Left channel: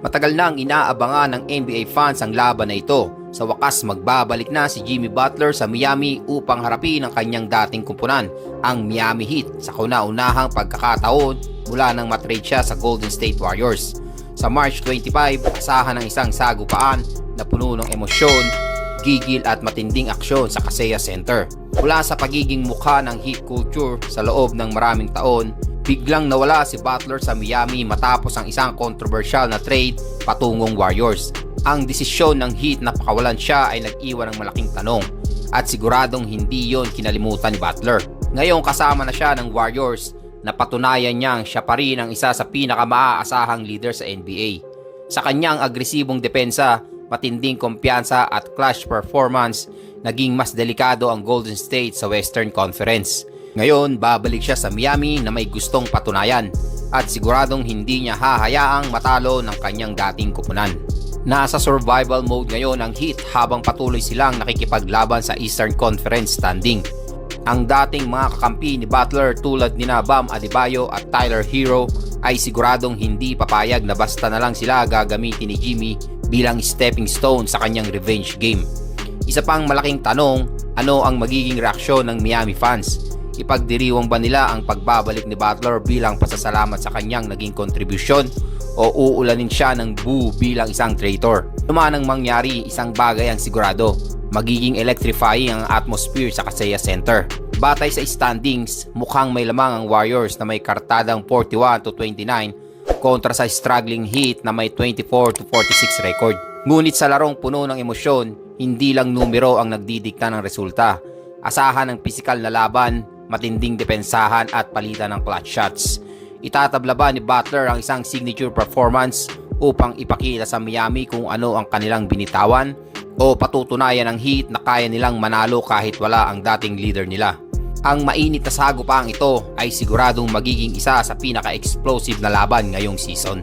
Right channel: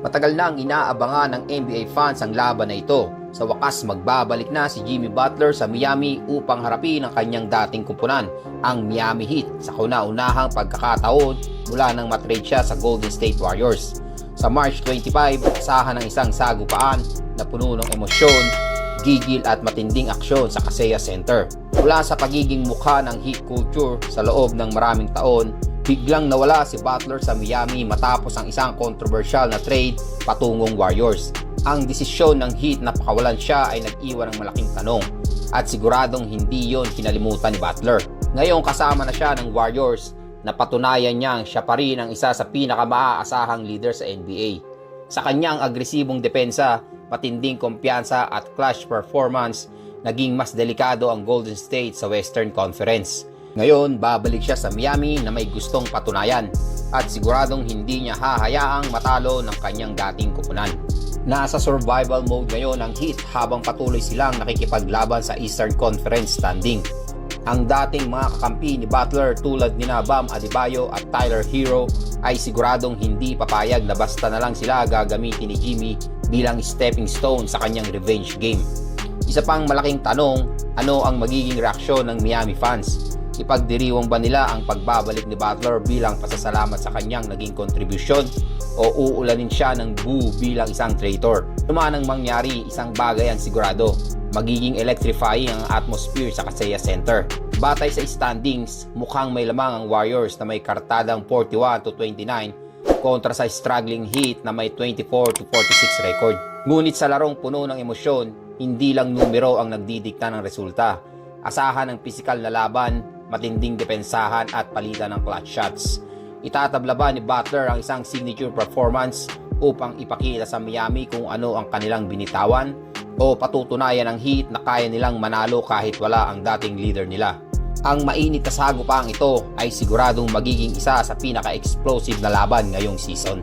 Matagal nang inaabangan ng NBA fans ang laban na ito. Sa wakas magbabalik na si Jimmy Butler sa Miami upang harapin ang kanyang dating kumpunan, ang Miami Heat sa kauna-unahang pagkakataon mula nang matrade siya sa Golden State Warriors. Sa March 25, asahan ng isang sagupaan na puno ng emosyon, gigil at matinding aksyon sa Kaseya Center. Mula sa pagiging mukha ng Heat culture sa loob ng maraming taon, biglang nawala si Butler sa Miami matapos ang isang controversial na trade patungong Warriors. Ang desisyon ng Heat na pakawalan siya ay nag-iwan ng malaking tanong at siguradong hindi yon kinalimutan ni Butler. Ngayong kasama na siya ng Warriors, napatunayan niyang siya pa rin ang isa sa pinakamaasahang leader sa NBA. Sa kanyang agresibong depensa, matinding kumpiyansa at clutch performance, naging mas delikado ang Golden State sa Western Conference. Ngayon, babalik siya sa Miami na may gustong patunayan at siguradong hindi niya hahayaang matalo ng kanyang dating kupunan. Nasa survival mode ngayon ang Heat habang patuloy silang nakikipaglaban sa Eastern Conference standing. Ang dating mga kakampi ni Butler tulad ni Bam Adebayo at Tyler Hero ay siguradong hindi papayag na basta na lang sila gagamitin ni Jimmy bilang stepping stone sa kanyang revenge game. Isa pang malaking tanong, ano ang magiging reaksyon ng Miami fans? Ipagdiriwang ba nila ang pagbabalik ni Butler bilang pasasalamat sa kanyang naging kontribusyon o uulanin siya ng boo bilang isang traitor? Luman ang mangyari, isang bagay ang sigurado, magiging electrifying ang atmosphere sa Kaseya Center. Batay sa standings, mukhang may lamang ang Warriors na may kartadang 41 to 29 kontra sa struggling Heat na may 24 to 46 record. Ngunit sa larong puno ng emosyon, hindi lang numero ang nagdidikta ng resulta. Asahan ng pisikal na laban, matinding depensahan at palitan ng clutch shots. Itatabla ba ni Butler ang isang signature performance upang ipakita sa Miami kung ano ang kanilang binitawan o patutunayan ng Heat na kaya nilang manalo kahit wala ang dating leader nila. Ang mainit na sagupang ito ay siguradong magiging isa sa pinaka-explosive na laban ngayong season.